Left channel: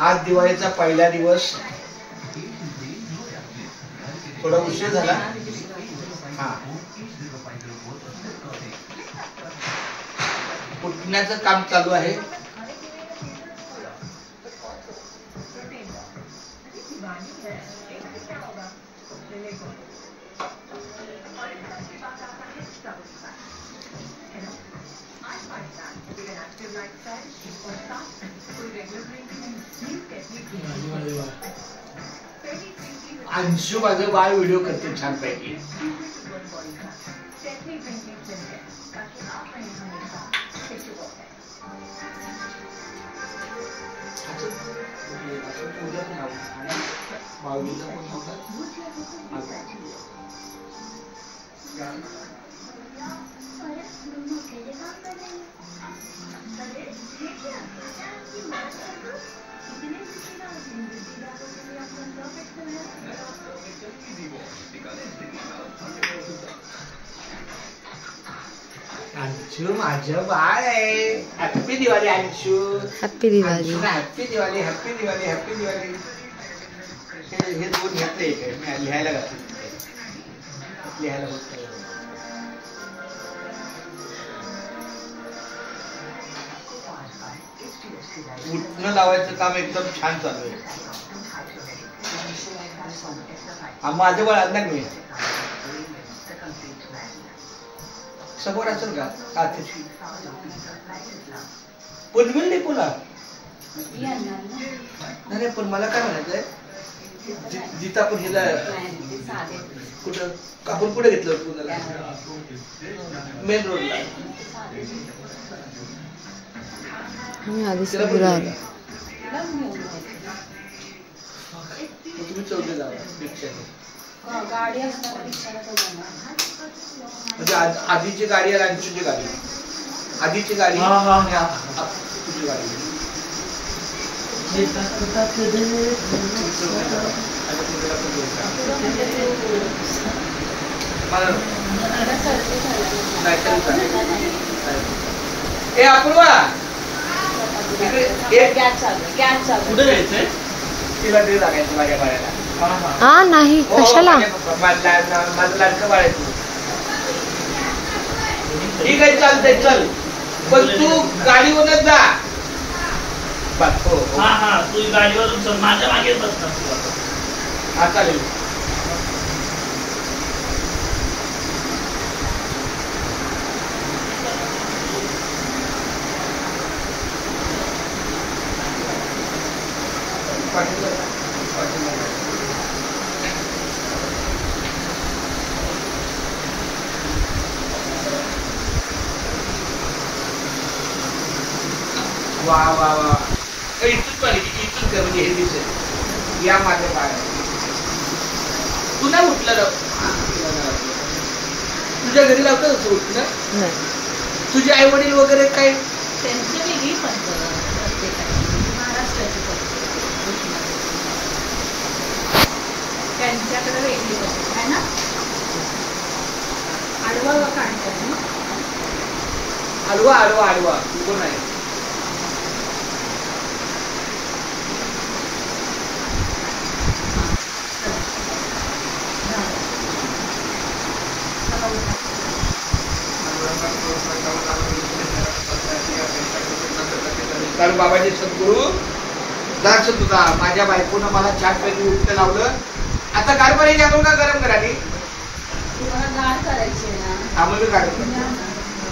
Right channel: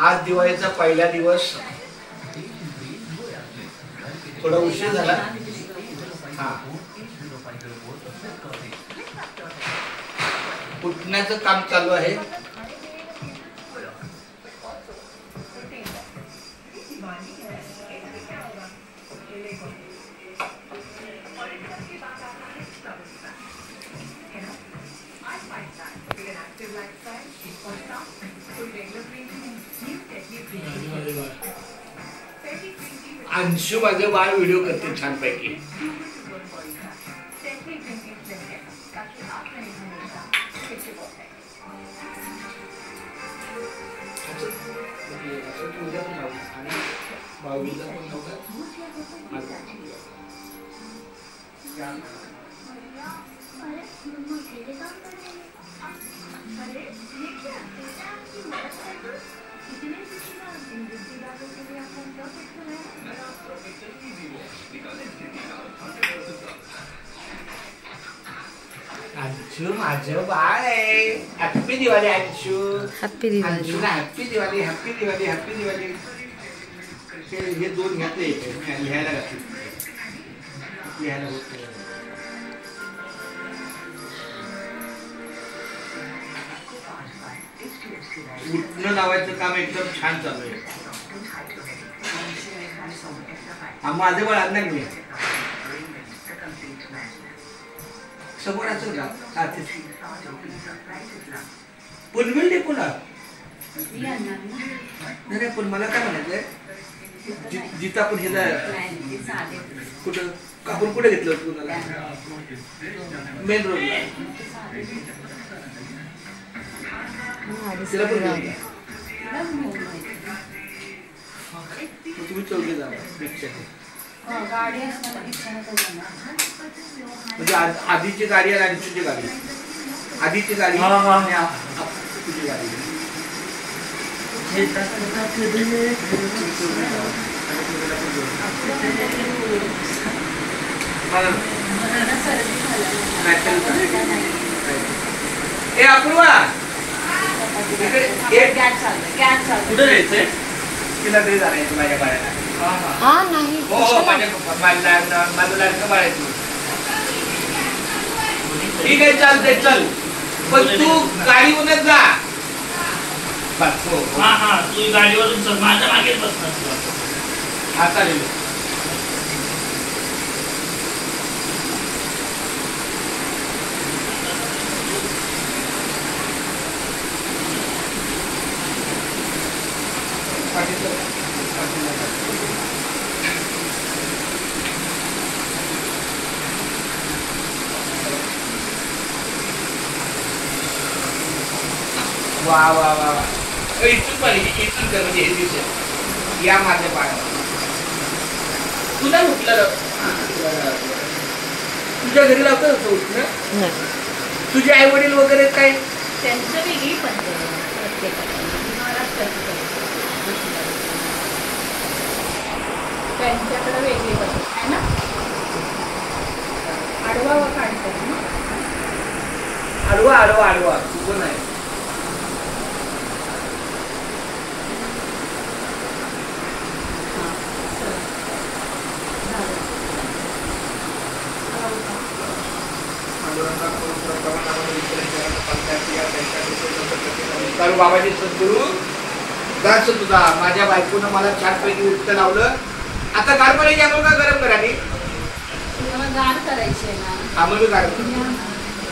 आज दिवाळीचा पहिला दिवस, थोडा उशीर झाला. हा, उठण्याचं काम चालू आहे. अंशू माझे बाळ व्हिडिओ करते छान पैकी. अंशू माझं बाळ आहे. Happy Diwali Anshu. Happy Diwali. Happy Diwali. Happy Diwali. Happy Diwali. हे दोन घ्यायचे लिहायला घातले. लिहायला उठणं लावायचं काम एकदम छान चालू आहे. माझं बाळ आणणार मी समोर असेल का? पुनविल डेपोला नाही, पण मला काय म्हणायचंय, जिथं आपण हे कुठं आपण कुठे घेतलं पुण्याला मेन रोडला तुम्ही चौघे जा गाडी म्हणजे आधीची गाडी आणि अंशूची गाडी. आधीची गाडी तुझी गाडी. हे अपूर्वा कुठे जायचंय? तिला ते जाण्याचं माझ्या बाळाला. हा नाही कशाला माझं लाडकं बाळायचं. ठीक आहे चालतंय चल, पण तू गाडीवरच जा. तू गाडीवरून चल, माझ्या मागे बसणार. हा चालेल. वा वा वा, इथून पाहिजे, इथून कर म्हणजे हे दिसेल. या माझ्या पायाला तुला उठलं तुझ्या घरी लावतं असं उठलं. तुझे आई वडील वगैरे काय? त्यांचं वेगळी पद्धत महाराष्ट्राची पद्धत, त्यांच्याकडे वेगळी पद्धत आहे ना. आडवा काढतात ना. आडवा आडवा आडवा चुकून नाही. कारण बाबाजी सद्गुरू दास तुझा माझ्या बायकोनं मला छानपैकी उठतं लावलं. आता गार पाणी घ्या का गरम करायची? गार करायची ना. आम्हाला गार